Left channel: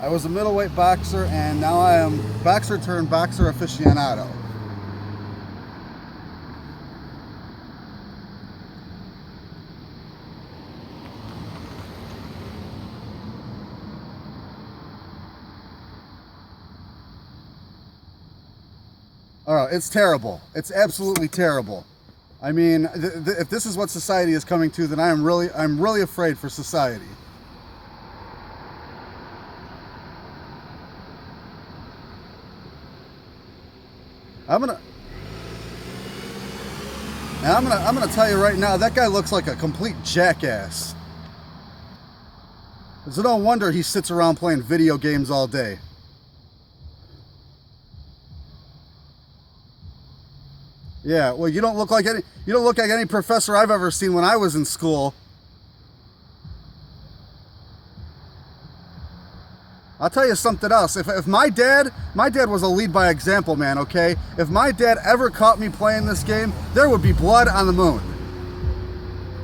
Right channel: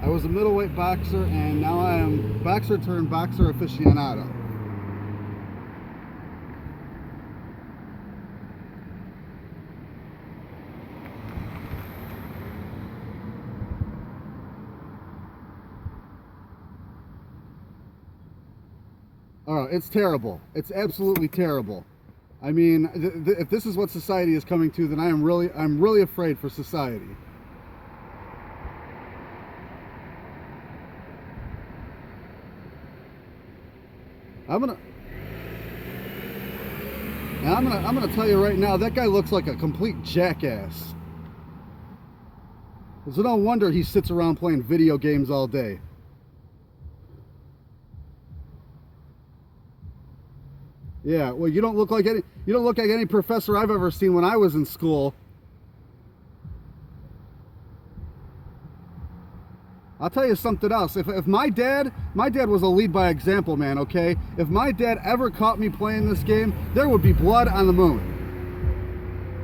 I was a middleweight boxer, and now I am boxer turned boxer aficionado. Oh, it's terrible. It's absolutely terrible. I mean, if this is what society is coming to, then I'm really afraid for society. I'm gonna I'm gonna tell you right now, that guy looks like a complete jackass. It's no wonder he sits around playing video games all day. Yeah, well, you don't look like any professor I've ever seen when I was in school. I'll tell you something else. If my dad was a lead by example, man, okay? If my dad ever caught me playing this game, there would be blood on the moon.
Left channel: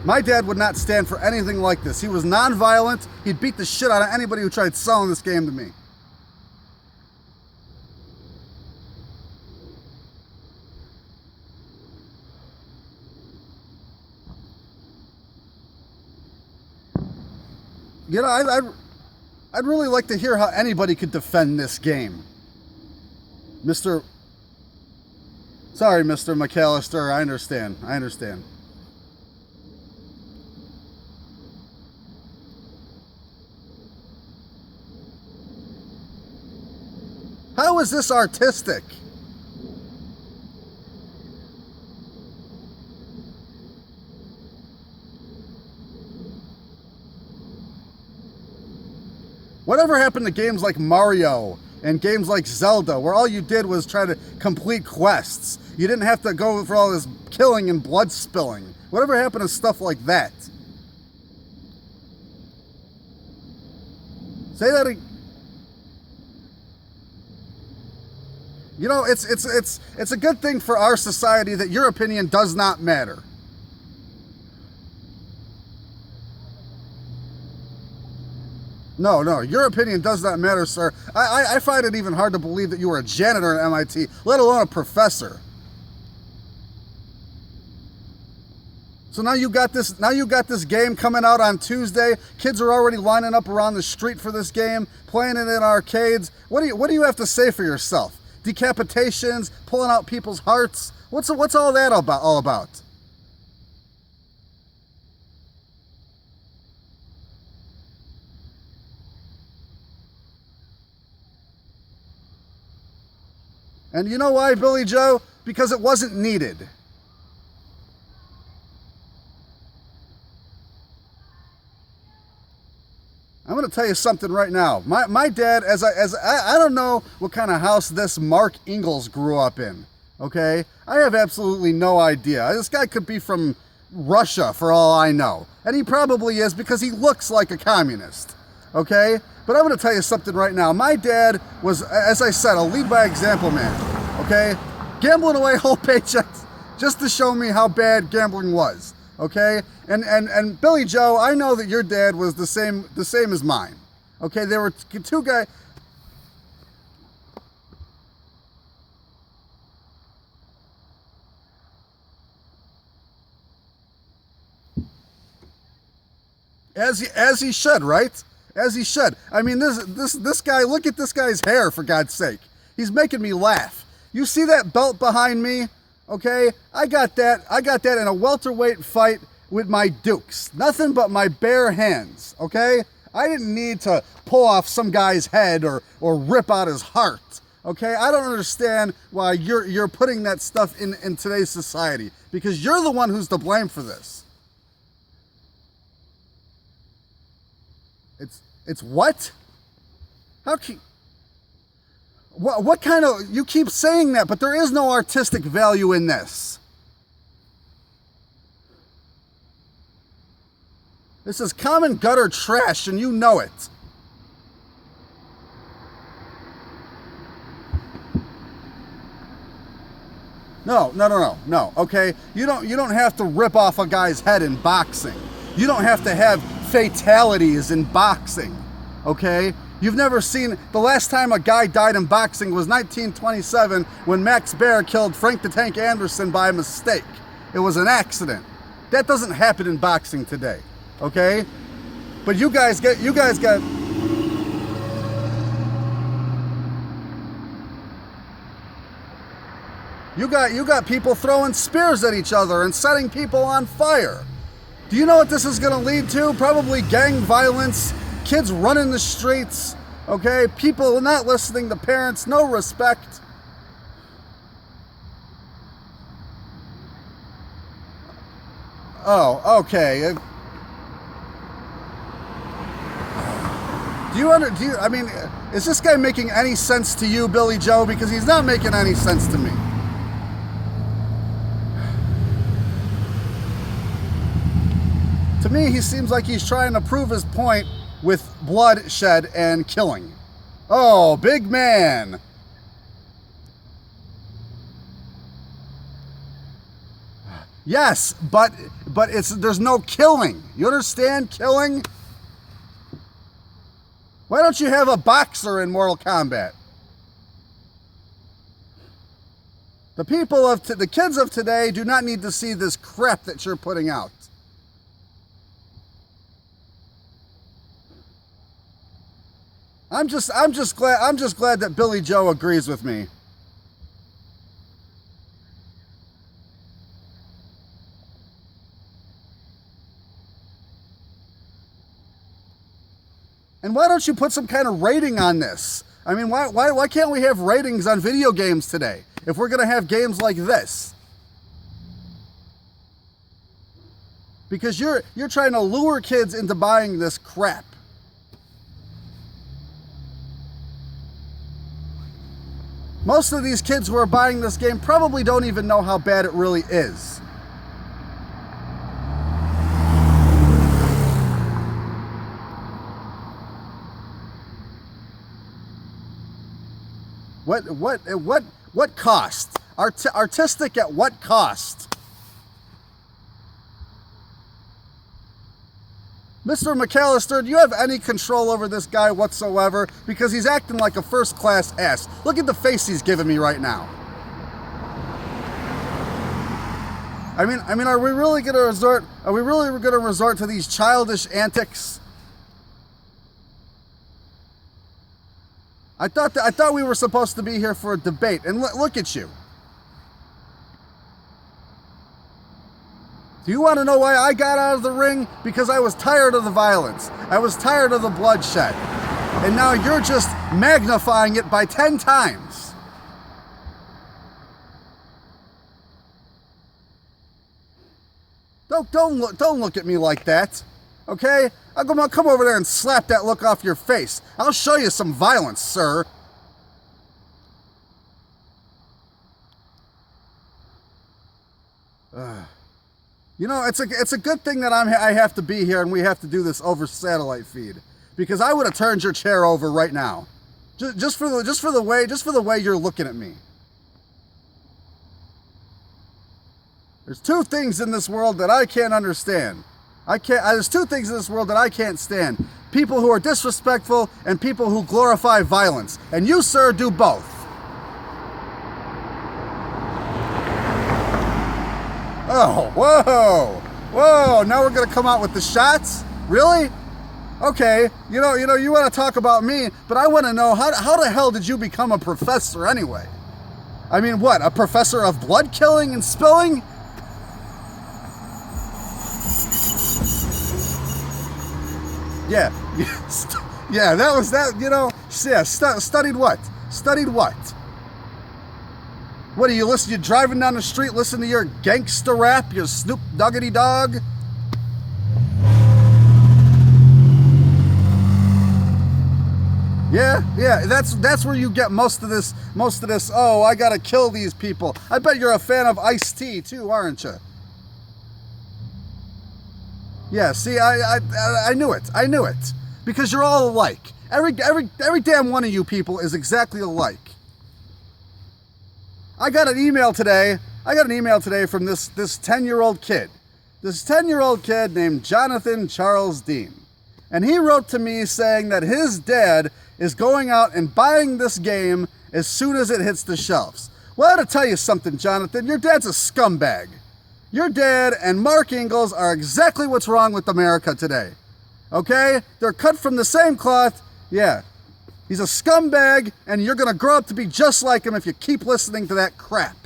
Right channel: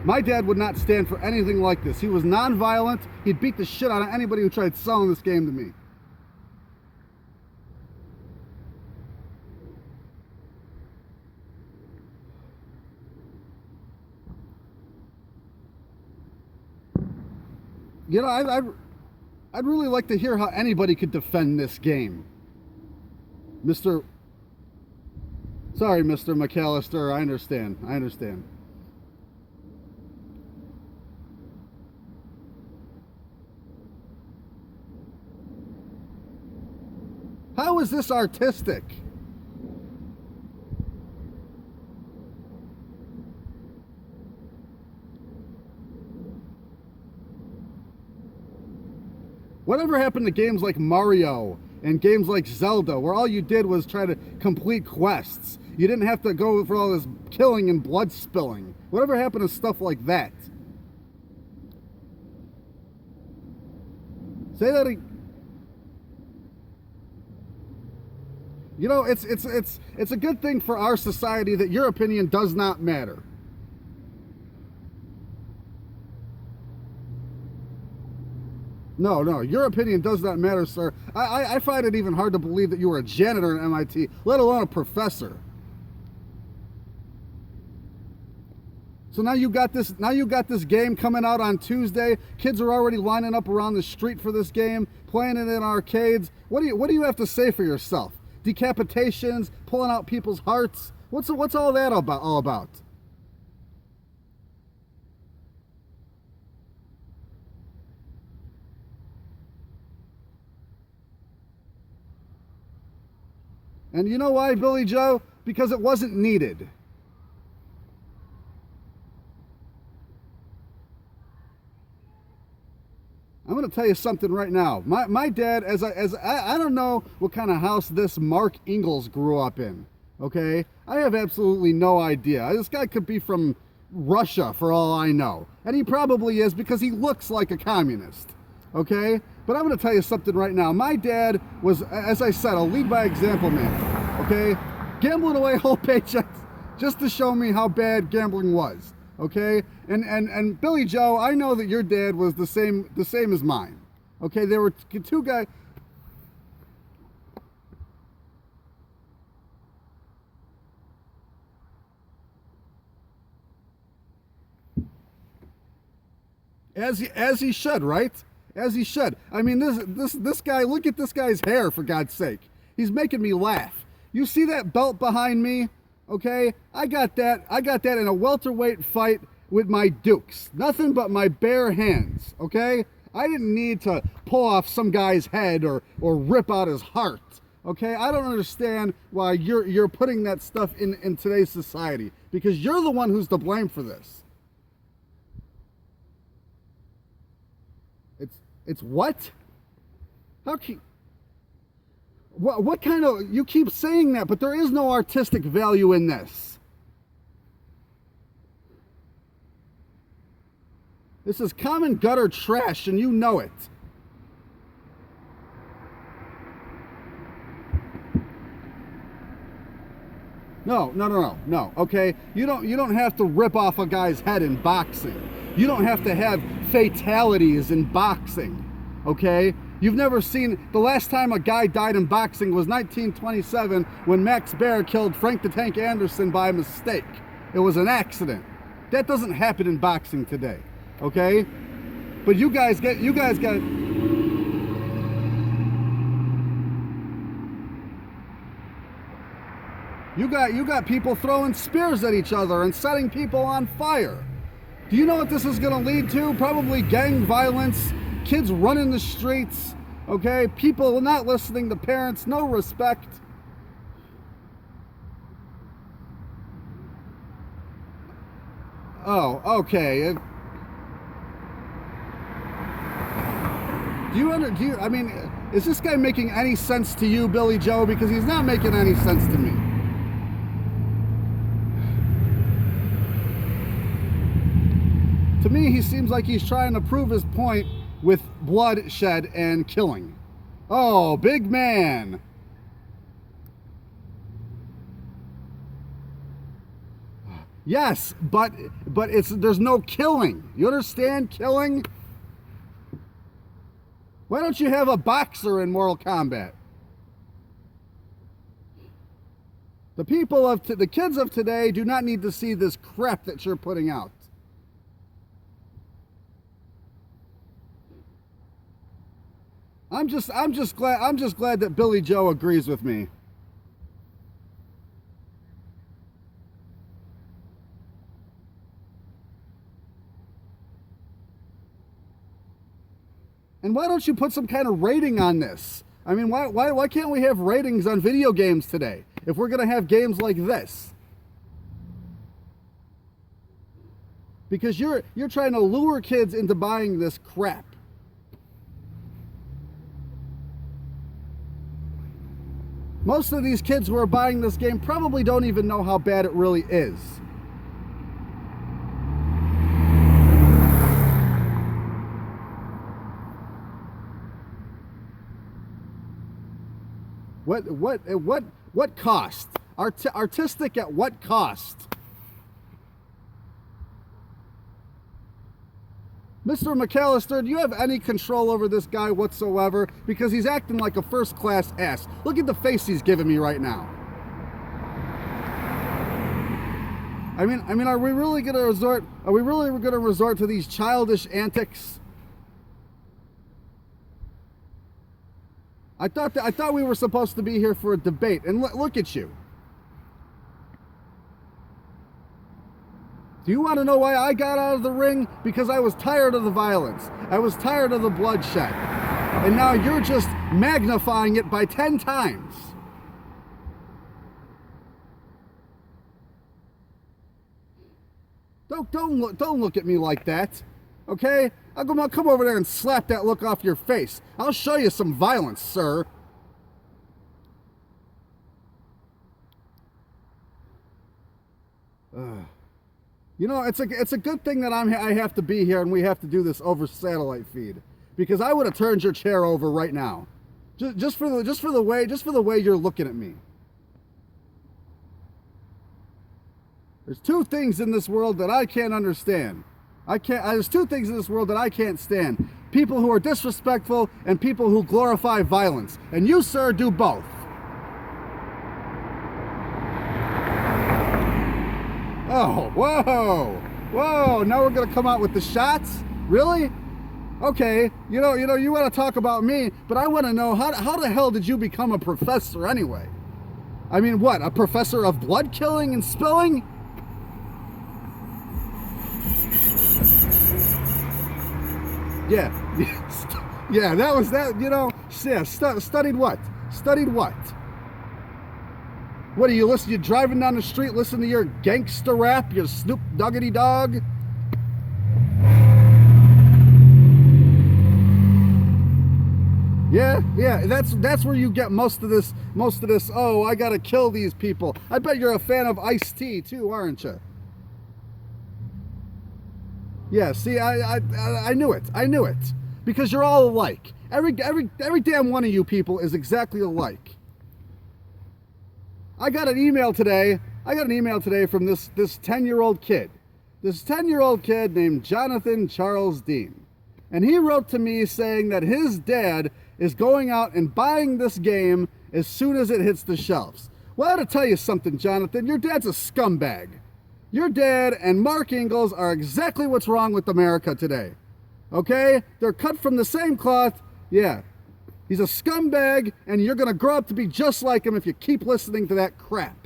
My dad would not stand for anything like this. He was non-violent. He'd beat the shit out of anybody who tried selling this game to me. You know, I'd really like to hear how anybody could defend this game. Mr. Sorry, Mr. McAllister, I understand. How is this artistic? Whatever happened to games like Mario and games like Zelda, where all you did was try to complete quests? You didn't have to go for all this killing and blood spilling. Whatever happened to stuff like that? Say that again. You know, it's a good thing for our society that your opinion does not matter. No, your opinion does not matter, sir. I find it even hard to believe that you were a janitor at MIT, let alone a professor. So now you got this game coming out on Tuesday. Kids are already lining up around the street for this game, playing it in arcades. What do you have to say for yourself? Decapitations, pulling out people's hearts. What's all that all about? And you know why, Billy Joe? Because it wasn't needed. I'm going to tell you something right now. My dad, I don't know what kind of house this Mark Ingalls grew up in. Okay, I have absolutely no idea. This guy could be from Russia for all I know, and he probably is because he looks like a communist. Okay, but I'm going to tell you something right now. My dad was, as I said, a lead by example man. Okay, gambling away whole paychecks just to show me how bad gambling was. Okay, and Billy Joe, I know that your dad was the same as mine. Okay, there were two guys. As he should, right? As he should. I mean, this guy. Look at this guy's hair, for God's sake. He's making me laugh. You see that belt behind me? Okay, I got that in a welterweight fight with my Dukes. Nothing but my bare hands. Okay, I didn't need to pull off some guy's head or rip out his heart. Okay, I don't understand why you're putting that stuff in today's society, because you're the one who's to blame for this. It's what? How can? What kind of, you keep saying that, but there is no artistic value in this. This is common gutter trash, and you know it. No. Okay, you don't have to rip off a guy's head in boxing. You don't have to have fatalities in boxing. Okay, You've never seen, the last time a guy died in boxing was 1927 when Max Baer killed Frank the Tank Anderson by mistake. It was an accident. That doesn't happen in boxing today, okay? But you guys got people throwing spears at each other and setting people on fire. Do you know what this is going to lead to? Probably gang violence, kids running the streets, okay? People not listening to parents, no respect. Oh, okay. I mean, is this guy making any sense to you, Billy Joe? Because he's not making any sense to me. To me, he seems like he's trying to prove his point with bloodshed and killing. Oh, big man. Yes, but there's no killing. You understand killing? Why don't you have a boxer in Mortal Kombat? The kids of today do not need to see this crap that you're putting out. I'm just glad that Billy Joe agrees with me. And why don't you put some kind of rating on this? I mean, why can't we have ratings on video games today if we're going to have games like this? Because you're trying to lure kids into buying this crap. Most of these kids who are buying this game probably don't even know how bad it really is. What cost? Artistic at what cost? Mr. McAllister, do you have any control over this guy whatsoever? Because he's acting like a first-class ass. Look at the face he's giving me right now. I mean, are we really going to resort to these childish antics? I thought we were supposed to be here for a debate, and look at you. Do you want to know why I got out of the ring? Because I was tired of the violence. I was tired of the bloodshed. And now you're just magnifying it by 10 times. Don't look at me like that. Okay? I'll come over there and slap that look off your face. I'll show you some violence, sir. You know, it's a good thing that I have to be here and we have to do this over satellite feed, because I would have turned your chair over right now, just for the way you're looking at me. There's two things in this world that I can't understand. There's two things in this world that I can't stand: people who are disrespectful and people who glorify violence. And you, sir, do both. Oh, whoa! Now we're gonna come out with the shots? Really? Okay. You want to talk about me, but I want to know how the hell did you become a professor anyway? I mean, what? A professor of blood killing and spilling? Yeah. Yeah. That was that. Yeah. Studied what? Studied what? What do you listen? You're driving down the street, listen to your gangster rap, your Snoop Doggity Dog. Yeah, that's where you get most of this. Oh, I gotta kill these people. I bet you're a fan of Ice-T too, aren't you? Yeah. See, I knew it. I knew it because you're all alike. Every damn one of you people is exactly alike. I got an email today from this 10-year-old kid. This 10-year-old kid named Jonathan Charles Dean. And he wrote to me saying that his dad is going out and buying this game as soon as it hits the shelves. Well, I gotta tell you something, Jonathan. Your dad's a scumbag. Your dad and Mark Ingalls are exactly what's wrong with America today. Okay? They're cut from the same cloth. Yeah. He's a scumbag, and you're gonna grow up to be just like him if you keep listening to that crap.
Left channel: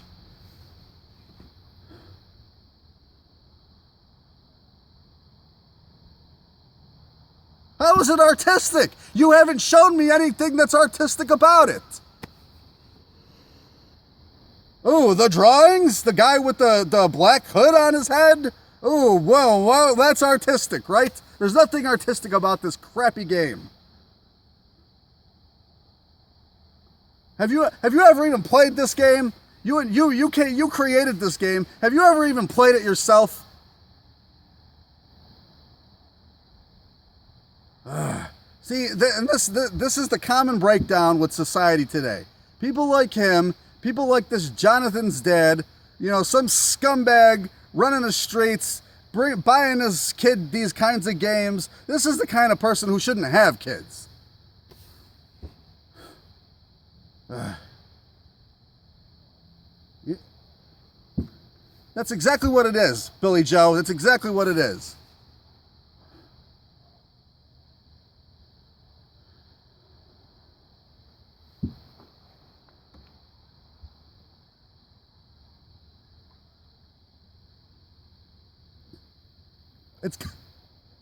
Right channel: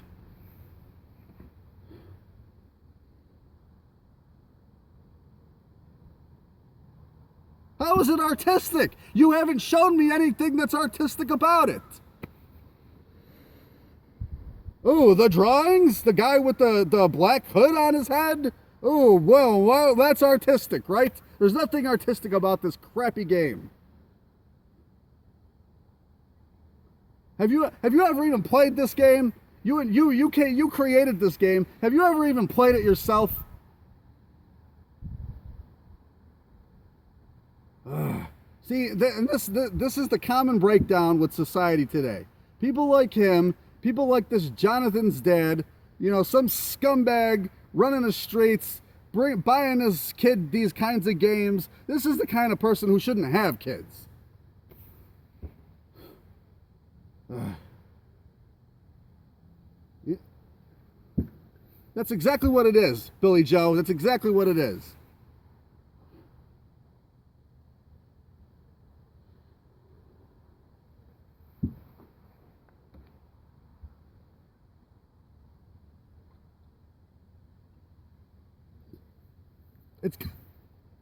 How is it artistic? You haven't shown me anything that's artistic about it. Oh, the drawings? The guy with the black hood on his head? Oh, well, that's artistic, right? There's nothing artistic about this crappy game. Have you ever even played this game? You created this game. Have you ever even played it yourself? See, this is the common breakdown with society today. People like him, people like this Jonathan's dad, some scumbag running the streets, buying his kid these kinds of games. This is the kind of person who shouldn't have kids. That's exactly what it is, Billy Joe. That's exactly what it is.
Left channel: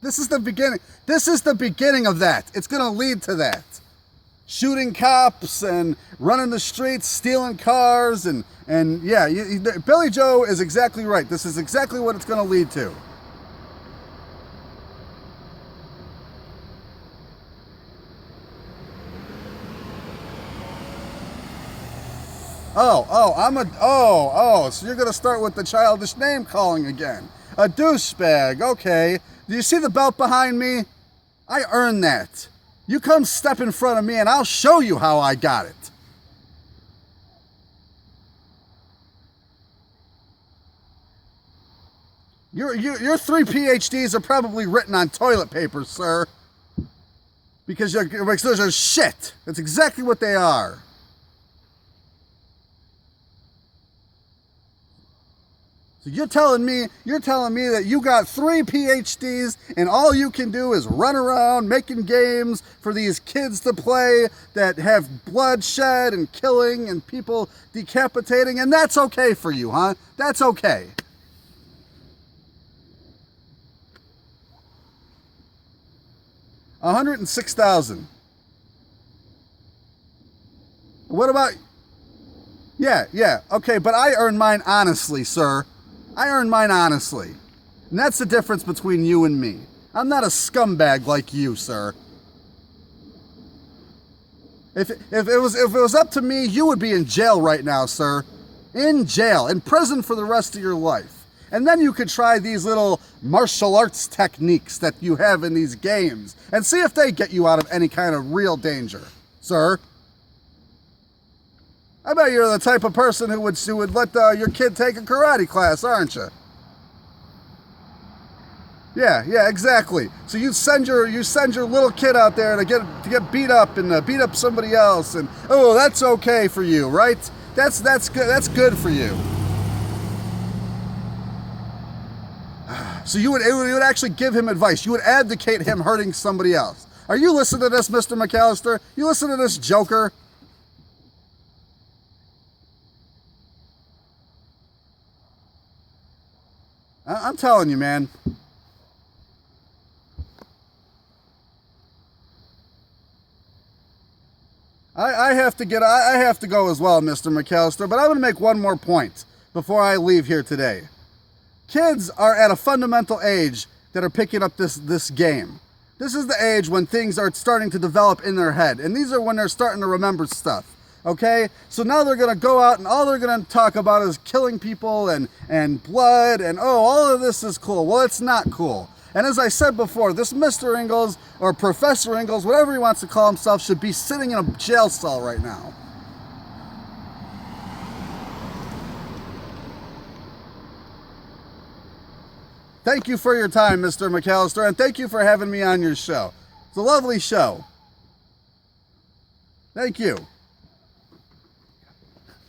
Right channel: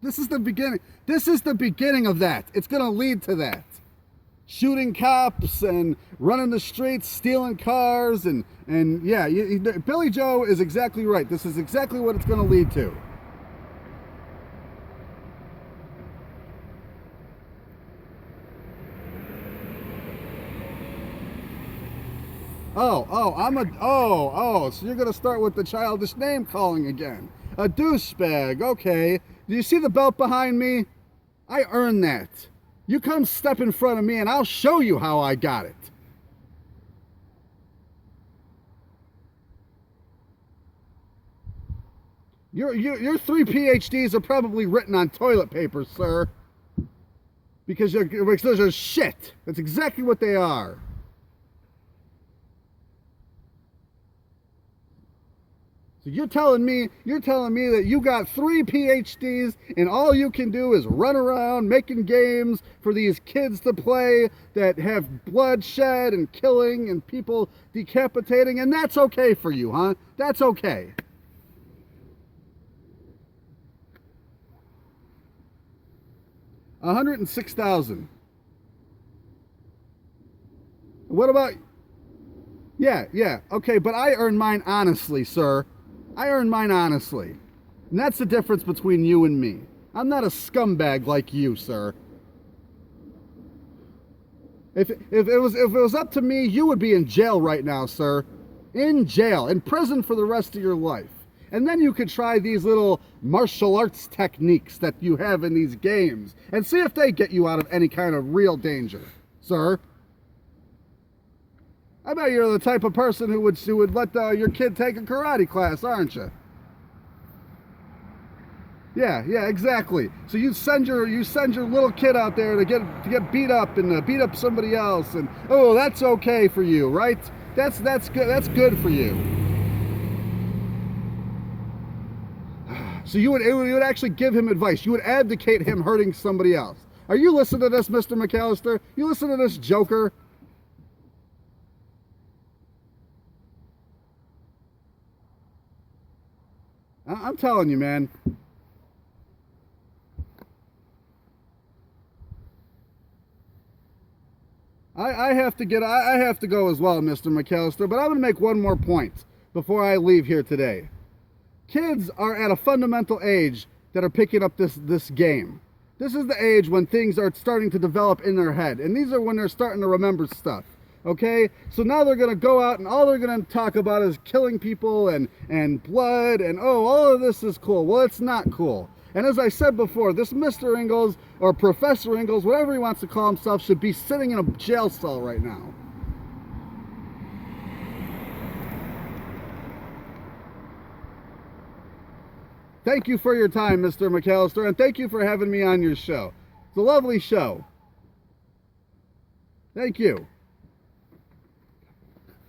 This is the beginning. This is the beginning of that. It's going to lead to that. Shooting cops and running the streets, stealing cars, and yeah, Billy Joe is exactly right. This is exactly what it's going to lead to. So you're going to start with the childish name calling again. A douchebag, okay. Do you see the belt behind me? I earned that. You come step in front of me and I'll show you how I got it. Your 3 PhDs are probably written on toilet paper, sir. Because those are shit. That's exactly what they are. So you're telling me that you got 3 PhDs and all you can do is run around making games for these kids to play that have bloodshed and killing and people decapitating, and that's okay for you, huh? That's okay. $106,000. What about? Yeah. Okay, but I earned mine honestly, sir. I earned mine honestly. And that's the difference between you and me. I'm not a scumbag like you, sir. If it was up to me, you would be in jail right now, sir. In jail, in prison for the rest of your life. And then you could try these little martial arts techniques that you have in these games and see if they get you out of any kind of real danger, sir. I bet you're the type of person who would let your kid take a karate class, aren't you? Yeah, exactly. So you send your little kid out there to get beat up and beat up somebody else, and that's okay for you, right? That's good. That's good for you. So you would actually give him advice. You would advocate him hurting somebody else. Are you listening to this, Mr. McAllister? You listen to this joker? I'm telling you, man. I have to go as well, Mr. McAllister, but I'm going to make one more point before I leave here today. Kids are at a fundamental age that are picking up this game. This is the age when things are starting to develop in their head, and these are when they're starting to remember stuff. Okay, so now they're going to go out and all they're going to talk about is killing people and blood and all of this is cool. Well, it's not cool. And as I said before, this Mr. Ingalls or Professor Ingalls, whatever he wants to call himself, should be sitting in a jail cell right now. Thank you for your time, Mr. McAllister, and thank you for having me on your show. It's a lovely show. Thank you.